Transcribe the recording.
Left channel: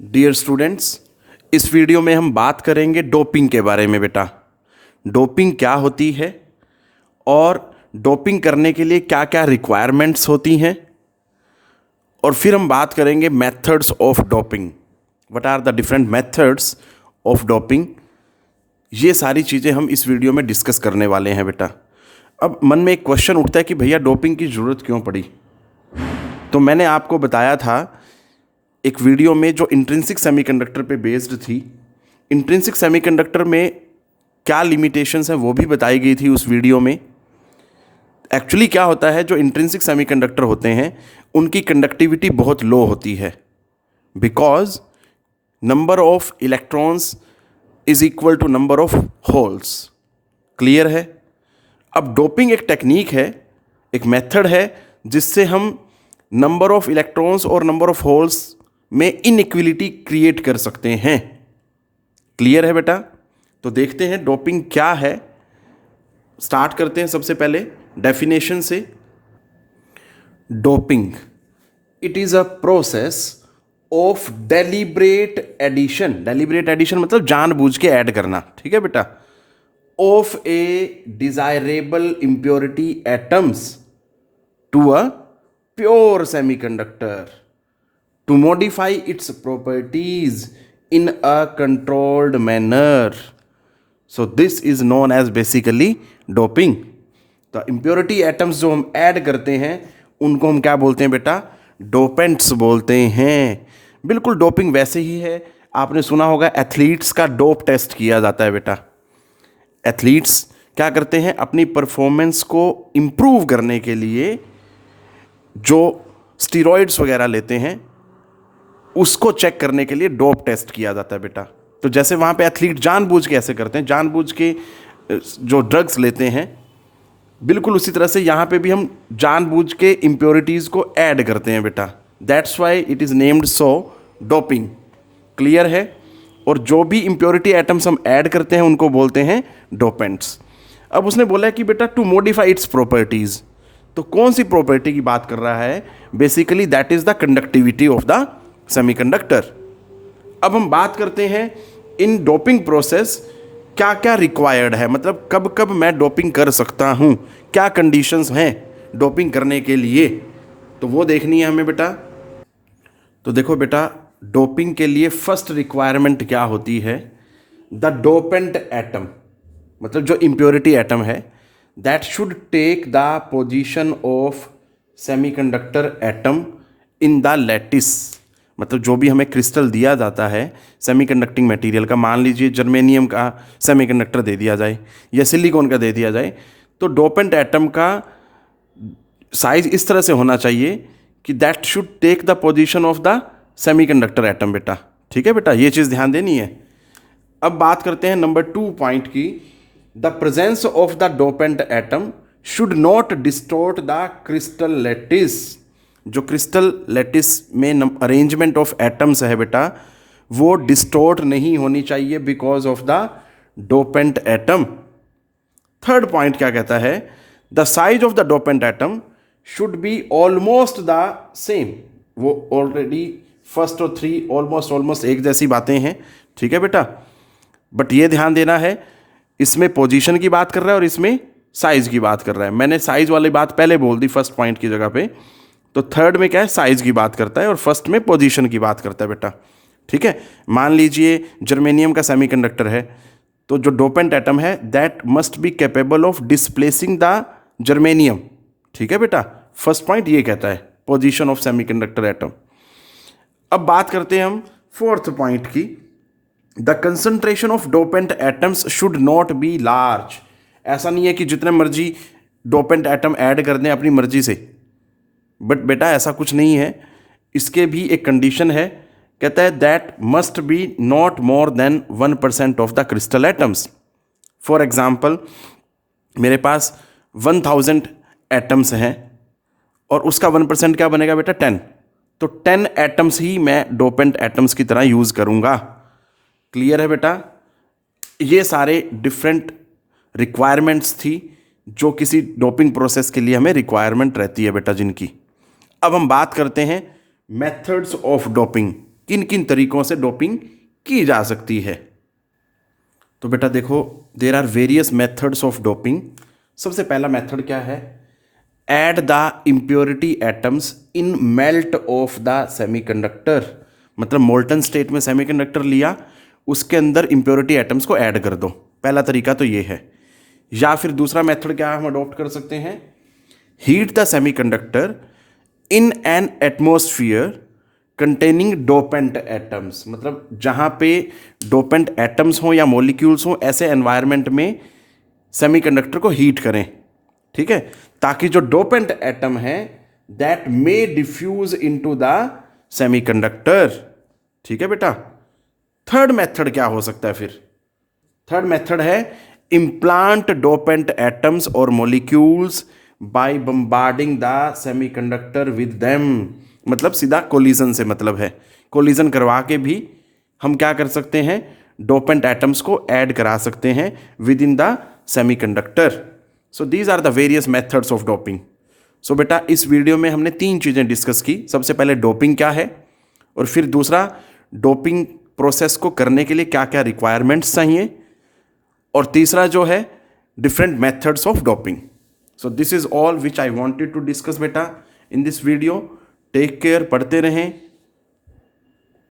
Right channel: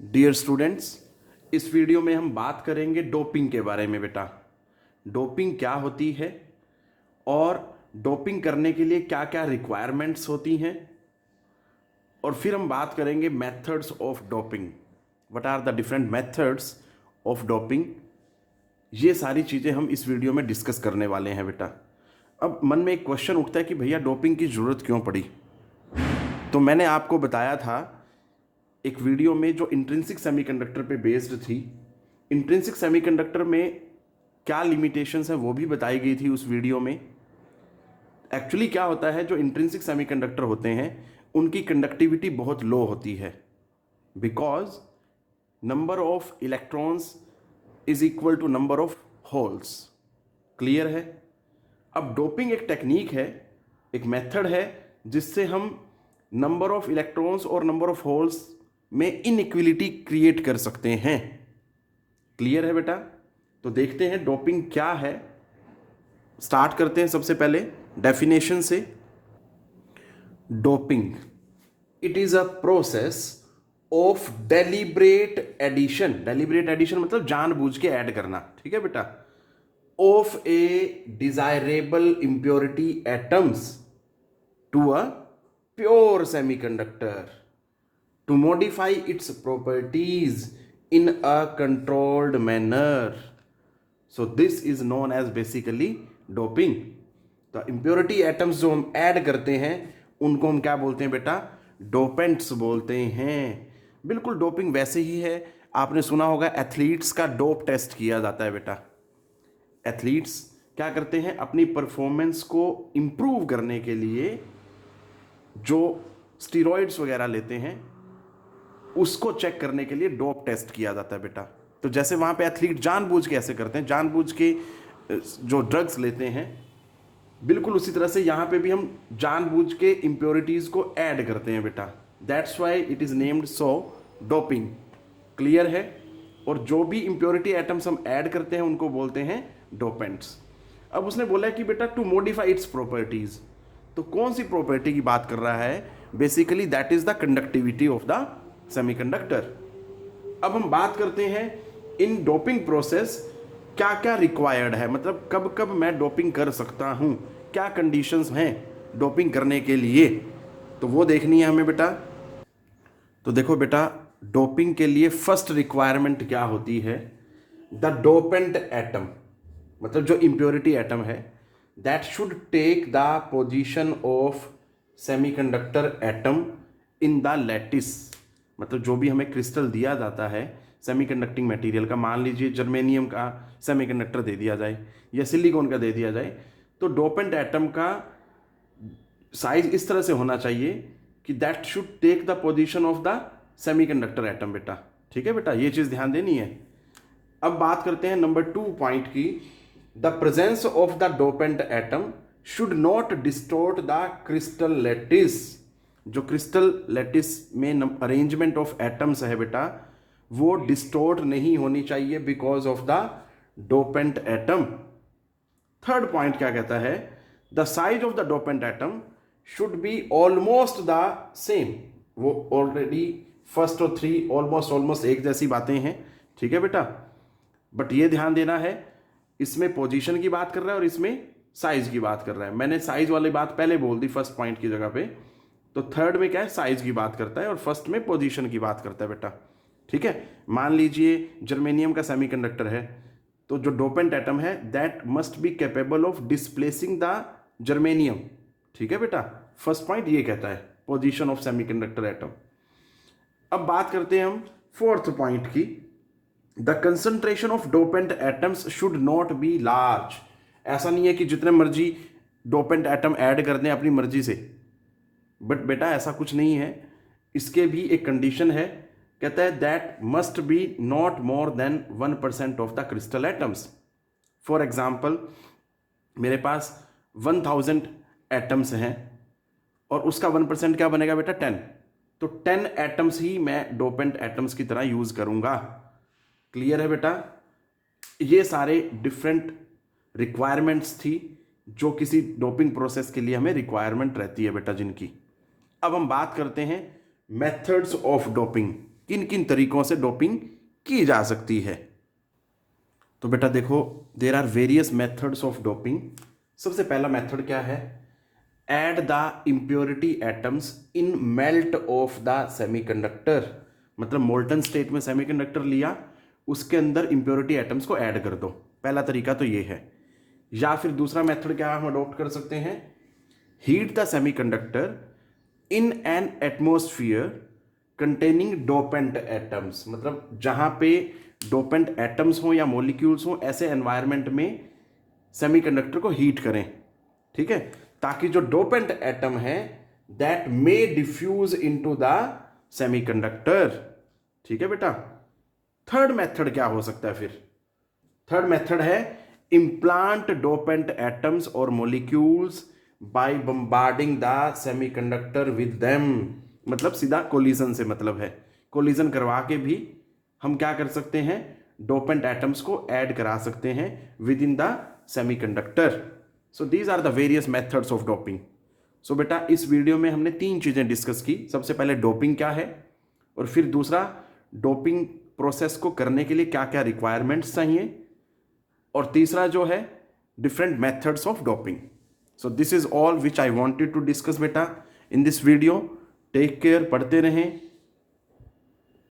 Dear students, इस video में हम बात करेंगे डोपिंग के बारे में। बेटा, डोपिंग क्या होती है और डोपिंग करने के लिए क्या क्या रिक्वायरमेंट्स होती हैं, और फिर हम बात करेंगे methods of doping. What are the different methods of doping. ये सारी चीज़ें हम इस वीडियो में डिस्कस करने वाले हैं। बेटा, अब मन में एक क्वेश्चन उठता है कि भैया डोपिंग की ज़रूरत क्यों पड़ी। तो मैंने आपको बताया था एक वीडियो में जो इंट्रिंसिक सेमीकंडक्टर पे बेस्ड थी। इंट्रिंसिक सेमीकंडक्टर में क्या लिमिटेशंस हैं वो भी बताई गई थी उस वीडियो में। एक्चुअली क्या होता है, जो इंट्रिंसिक सेमीकंडक्टर होते हैं उनकी कंडक्टिविटी बहुत लो होती है, because number of electrons is equal to number of holes. Clear है। अब डोपिंग एक टेक्निक है, एक मेथड है जिससे हम नंबर ऑफ इलेक्ट्रॉन्स और नंबर ऑफ होल्स में इनइक्वलिटी क्रिएट कर सकते हैं। क्लियर है बेटा। तो देखते हैं डोपिंग क्या है। स्टार्ट करते हैं सबसे पहले डेफिनेशन से। Doping, it is a process of deliberate addition. Deliberate addition मतलब जानबूझ के ऐड करना। ठीक है बेटा। Of a desirable impurity atoms to a pure semiconductor to modify its properties in a controlled manner. So this is known as basically doping. तो impurity atoms जो हम ऐड करते हैं उनको हम क्या बोलते हैं बेटा? डोपेंट्स बोलते हैं। बिल्कुल डोपिंग वैसे ही है। आपने सुना होगा एथलीट्स का डोप टेस्ट किया जाता है बेटा। एथलीट्स क्या करते हैं, अपनी परफॉर्मेंस को इम्प्रूव करने के लिए जो स्टीरॉइड्स वगैरह लेते हैं उसको चेक करने के लिए डोप टेस्ट किया जाता है बेटा। तो जैसे वहाँ पे एथलीट जानबूझ के ऐसे करते हैं, जानबूझ के जो ड्रग्स लेते हैं, बिल्कुल उसी तरह से यहाँ पे भी हम जानबूझ के इम्प्योरिटीज़ को ऐड करते हैं बेटा। That's why it is named so doping. Clear है। और जो भी इम्प्योरिटी एटम्स हम ऐड करते हैं उनको बोलते हैं डोपेंट्स। अब उसने बोला है कि बेटा टू मॉडिफाई इट्स प्रॉपर्टीज़। तो कौन सी प्रॉपर्टी की बात कर रहा है? Basically that is the conductivity of the semiconductor. अब हम बात करते हैं इन डोपिंग प्रोसेस क्या क्या रिक्वायर्ड है, मतलब कब कब मैं डोपिंग कर सकता हूँ, क्या कंडीशंस हैं डोपिंग करने के लिए, तो वो देखनी है हमें बेटा। तो देखो बेटा, डोपिंग के लिए फर्स्ट रिक्वायरमेंट क्या होती है? द डोपेंट एटम, मतलब जो इम्प्योरिटी एटम है, that should take the position of semiconductor atom in the lattice. मतलब जो भी हमें क्रिस्टल दिया जाता है सेमीकंडक्टिंग मटेरियल का, मान लीजिए जर्मेनियम का सेमीकंडक्टर दे दिया जाए या सिलिकॉन का दे दिया जाए, तो डोपेंट एटम का साइज इस तरह से होना चाहिए कि that should take the position of the semiconductor atom बेटा। ठीक है बेटा, ये चीज़ ध्यान देनी है। अब बात करते हैं नंबर 2 पॉइंट की। The presence of the dopant atom should not distort the crystal lattice. जो क्रिस्टल लैटिस में अरेंजमेंट ऑफ एटम्स है बेटा, वो डिस्टोर्ट नहीं होनी चाहिए because of the dopant atom. Third point क्या कहता है? The size of the dopant atom should be almost the same. वो ऑलरेडी फर्स्ट और 3 ऑलमोस्ट एक जैसी बातें हैं। ठीक है बेटा, बट ये ध्यान देना है, इसमें पोजीशन की बात कर रहा है और इसमें साइज की बात कर रहा है। मैंने साइज वाली बात पहले बोल दी फर्स्ट पॉइंट की जगह पे। तो थर्ड में क्या है, साइज की बात करता है, और फर्स्ट में पोजीशन की बात करता है बेटा। ठीक है। मान लीजिए जर्मेनियम का सेमीकंडक्टर है, तो जो डोपेंट एटम है that must be capable of displacing the germanium. ठीक है बेटा, फर्स्ट पॉइंट ये कहता है पोजीशन ऑफ सेमीकंडक्टर एटम। अब बात करते हैं हम फोर्थ पॉइंट की। The concentration of dopant atoms should not be large. ऐसा नहीं है कि जितने मर्जी डोपेंट एटम ऐड कर दें अपनी मर्जी से, बट बेटा ऐसा कुछ नहीं है। इसके भी एक कंडीशन है, कहता है that must be not more than 1% of the crystal atoms. For example, मेरे पास 1000 एटम्स हैं और उसका 1% क्या बनेगा बेटा? 10। तो 10 एटम्स ही मैं डोपेंट एटम्स की तरह यूज़ करूँगा। क्लियर है बेटा। ये सारे डिफरेंट रिक्वायरमेंट्स थी जो किसी डोपिंग प्रोसेस के लिए हमें रिक्वायरमेंट रहती है बेटा जिनकी। अब हम बात करते हैं मेथड्स ऑफ डोपिंग। किन किन तरीकों से डोपिंग की जा सकती है। तो बेटा देखो, there are various methods of doping. सबसे पहला मेथड क्या है? Add the impurity atoms in melt of the semiconductor. मतलब मोल्टन स्टेट में सेमीकंडक्टर लिया, उसके अंदर इम्प्योरिटी एटम्स को ऐड कर दो। पहला तरीका तो ये है। या फिर दूसरा मेथड क्या हम अडॉप्ट कर सकते हैं? Heat the semiconductor in an atmosphere containing dopant atoms. मतलब जहाँ पे डोपेंट एटम्स हों या मॉलिक्यूल्स हों, ऐसे एनवायरनमेंट में सेमीकंडक्टर को हीट करें, ठीक है, ताकि जो डोपेंट एटम है that may diffuse into the semiconductor. ठीक है बेटा। थर्ड मेथड क्या हो सकता है फिर? थर्ड मेथड है इम्प्लांट डोपेंट एटम्स और molecules by bombarding the semiconductor with them. मतलब सीधा कोलिजन से मतलब है, कोलिजन करवा के भी हम क्या कर सकते हैं? डोपेंट एटम्स को ऐड करा सकते हैं with in the semiconductor. So these are the various methods of doping. So बेटा इस वीडियो में हमने 3 चीज़ें डिस्कस की। सबसे पहले डोपिंग क्या है, और फिर दूसरा डोपिंग प्रोसेस को करने के लिए क्या क्या रिक्वायरमेंट्स चाहिए, और तीसरा जो है different methods of doping. So this is all which I wanted to discuss बेटा in this video. Take care, पढ़ते रहें,